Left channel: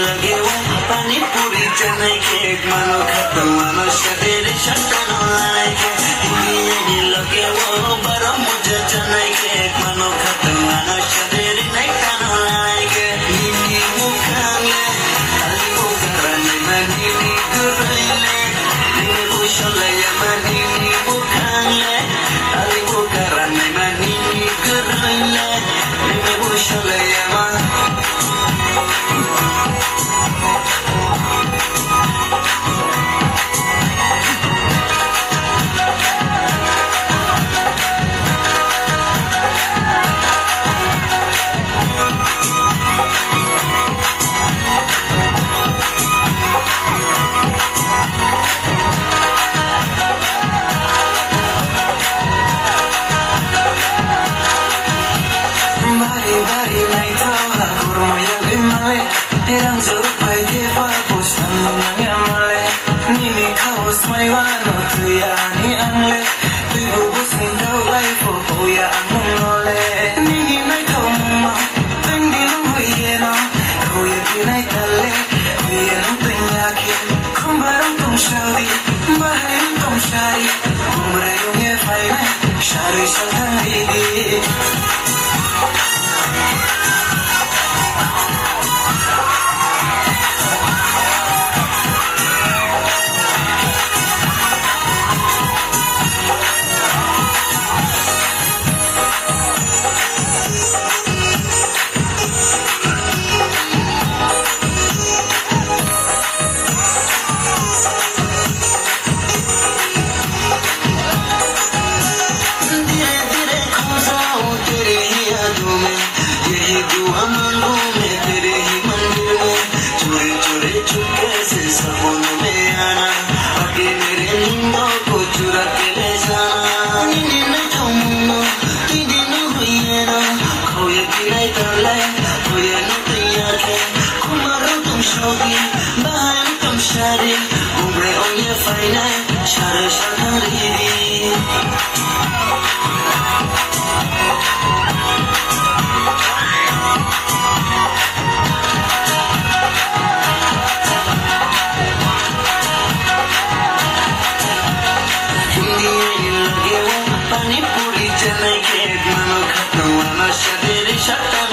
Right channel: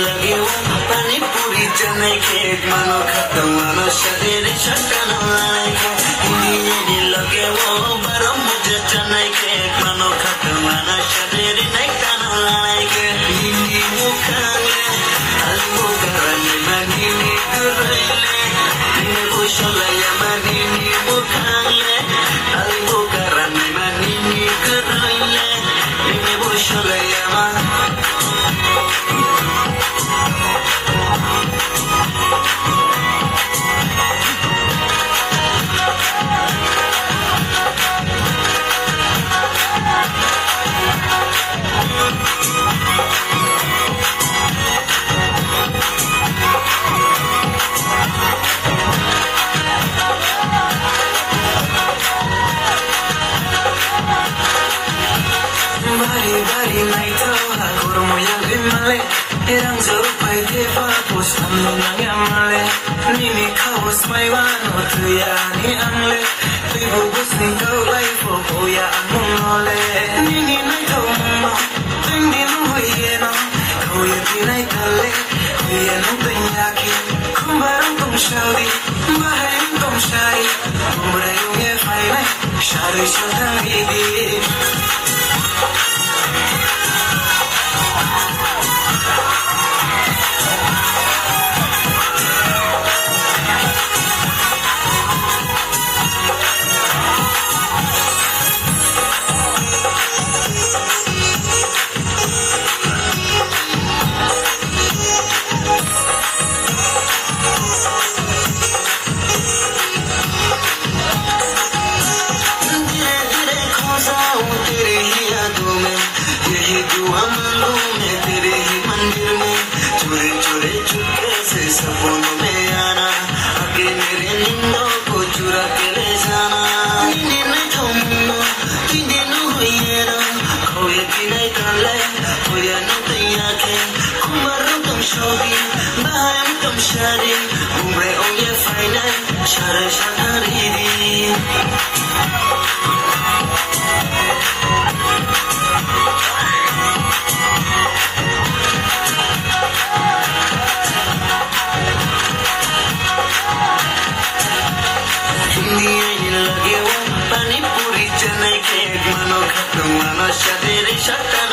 लगे वो पानी पूरी चने खेत मानो खत्म मानो शरीर शटन लगे वो बरो मुझे चने खेत मानो खत्म मानो शरीर नहीं खाना लाएंगे नीनी मुखाने अलिगो करने मनीनी दुरले नीनी बुशले मनीनी मुखाने अलिगो करने मनीनी दुरले नीनी बुशले Bari lai kau aku moya limale terang zoruk pai deva postan nanya male nini kau smaiwa no tuya ni amle ibu busing kau lai fo ya anu mole nini nai kau mama tinggi hoye na kau ye pinai kale hoye no penyaki kumbaran tum shaudi baharin tum shari umre ye faina shari shari सपनों में आना आगे मेरे निन्नों को चुरा के ले जाना निन्ने तुम तीन दिन हुए ना खोए पिलाई तले खोए न तैयार है कुमारों तुम शौकी बाहर तुम शादी उम्रे उन्हें फाइना शारे शादी लगे वो पानी पूरी चने खेत मानो खत्म मानो शरीर शटन